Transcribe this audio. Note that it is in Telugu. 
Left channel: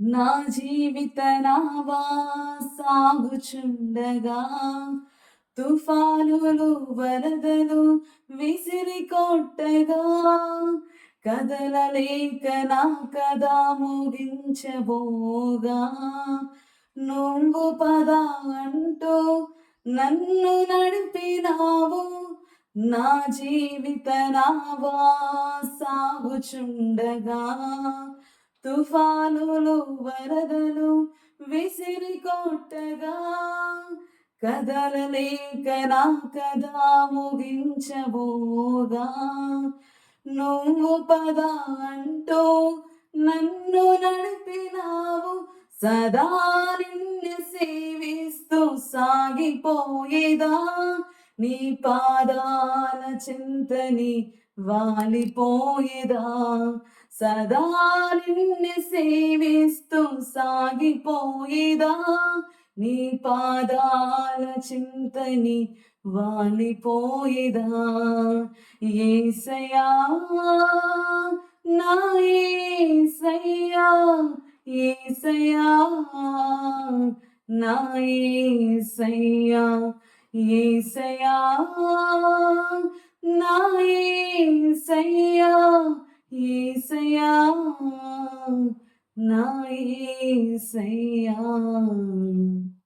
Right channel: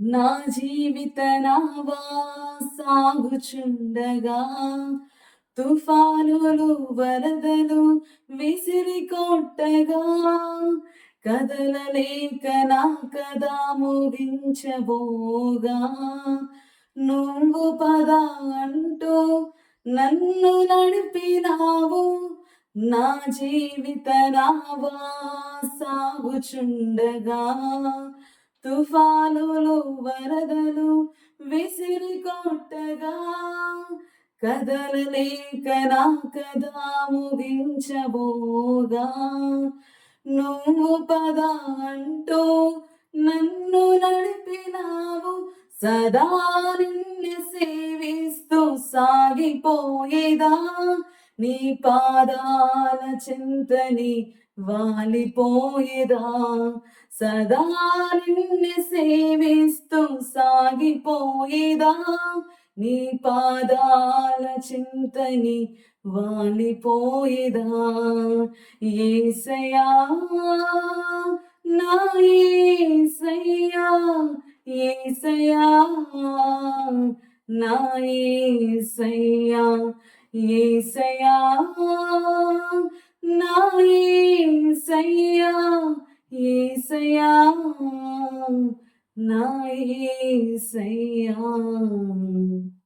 నా జీవిత నావా సాగుచుండగా తుఫానులు వరదలు విసిరి కొట్టగా కదలలేక నా కదా ముగించబోగా నువ్వు పద అంటూ నన్ను నడిపినావు నా జీవిత నావా సాగుచుండగా తుఫానులు వరదలు విసిరి కొట్టగా కదలలేక నా కదా ముగించబోగా నువ్వు పద అంటూ నన్ను నడిపినావు సదా నిన్ను సేవిస్తూ సాగిపోయేదా నీ పాదాల చింతని వాలిపోయేదా సదా నిన్ను సేవిస్తూ సాగిపోయేదా నీ పాదాల చింతని వాలిపోయేదా యేసయ్యా నా యేసయ్యా యేసయ్యా నా యేసయ్యా యేసయ్యా నా యేసయ్యా యేసయ్యా నా యేసయ్యా యేసయ్యా నా యేసయ్యా యేసయ్యా యేసయ్యా నా యేసయ్యా యేసయ్యా నా యేసయ్యా యేసయ్యా యేసయ్యా నా యేసయ్యా యేసయ్యా యేసయ్యా యేసయ్యా యేసయ్యా యేసయ్యా యేసయ్యా యేసయ్యా యేసయ్యా నా యేసయ్యా